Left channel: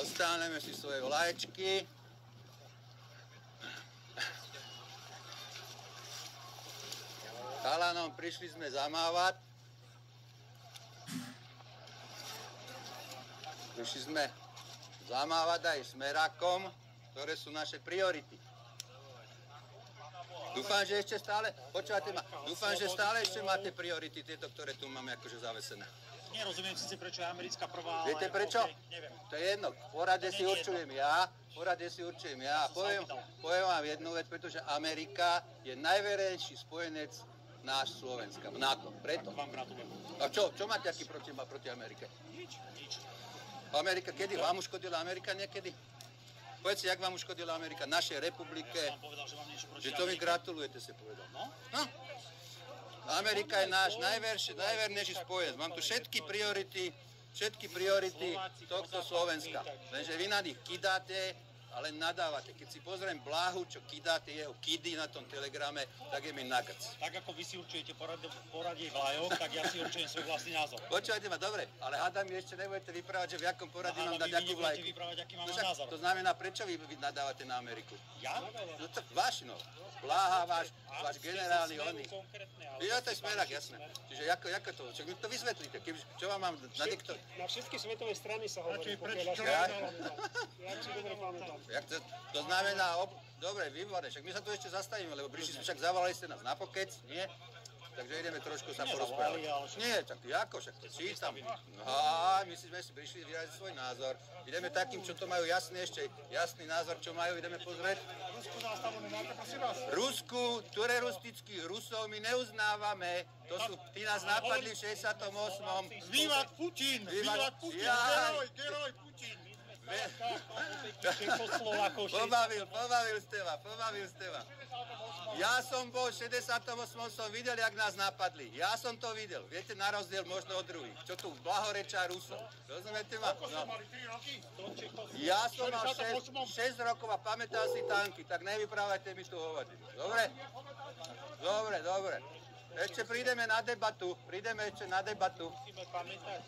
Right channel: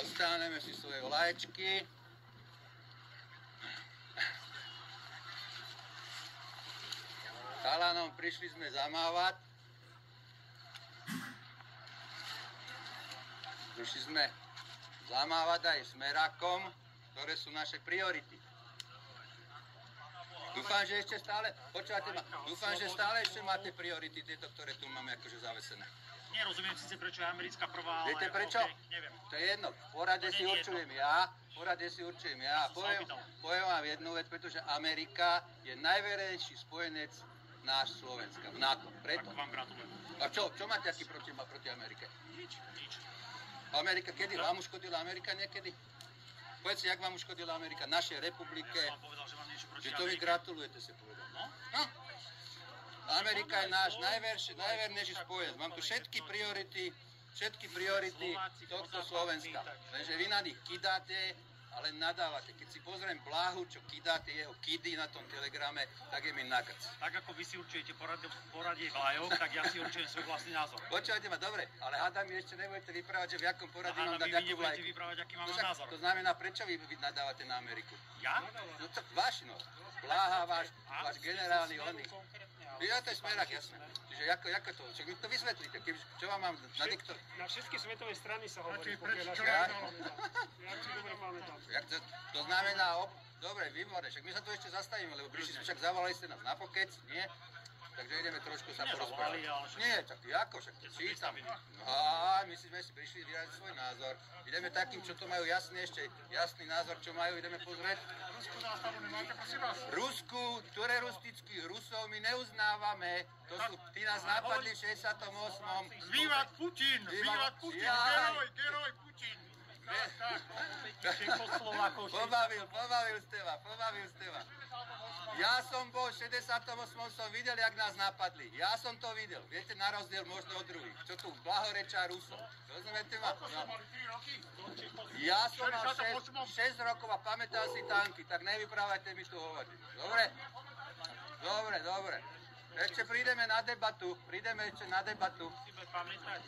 Dostaneme si svoje vlaječky. Chalanom prišli sme zamávať. Prišli sme zamávať aj smerákom, ktoré sú naše priority. Dúfam, že ešte stále, počúvate ma, dúfam, že stále ešte máte priority, tieto, ktoré tu máme akože zavesené. Nerozumiem síce, prečo je americká prvá, ale... Viete prečo? Okay, neviem. To je jedno, v porade si určujem ja, poviem vám jednu vec, pretože Amerika je najverejší spojenec náš Slovenska, v NATO, preto. Tak vám gratulujem. A čo máte aký proti Amerike? Nič. Amerika, kedy vám uškodila Amerika niekedy? Povedzte, jak vám uškodila Amerika, našej republike? Ja som vám povedal, že vám niečo proti Že to mi Amerike. gratulujete, si povedal. No? Amerika je náš najvernejší spojenec. Mám tu všetky priority tohto Slovenska. Lenže vy na nich kidáte, ale nadávate. Keď si pozriem Blahu, čo kidáte jeho kidy na tom telegrame, tak je mi nagrc. Tak ako vy si určujete poradie vlajok, tak ja si určujem svoj vlastný názor. Počúvajte ma, dobre, ale hádam mi ešte nebudete vyprávať, že v jakom poradí mám dať akú nebudete vlajku. vyprávať, aký mám však názor. To znamená, prečo vy nadávate na Ameriku? Ja? No to váš, no. Bláha, váš generálny oný. Ja to je smerák, jasné. Čiže ako to? Čak mi to vysvetlíte. Čo vám mám nadiktovať? Na všetky svetové strany sa hovorí, pokiaľ ja si dobre pamätám. To znamená, dobre, výborné, však my sa tu ešte zastavíme, lebo prišli sme, však zavolali ste nás na pokec, nie? Takže ideme trošku sa porozprávať. Nie, tak ako, však to čítam. A my sme si prišli vyraziť svoj názor. Ideme takým, čo to majú jasný názor, čo majú, ideme pozrieť. Rusku zástavu nemáte, prosím vás? Rusku, teroristických Rusov my neuznávame. To sú, tí nás napadli v 68. Vývat Putin! Vývat Putin! Geroj Putin! Pobavil ste ma. Ja som bol v 68. som videl, jak nás napadli. Ja som to videl. Viete, na rozdiel možno od druhých. Čo tu blahorečá Rusov. Rozumiete ma? No. Ja som mal 6 rokov a pamätám si tanky, tak nevyprávajte mi tu hovadinu. Dobre. Ešte prídeme na debatu. Musíme pamätať.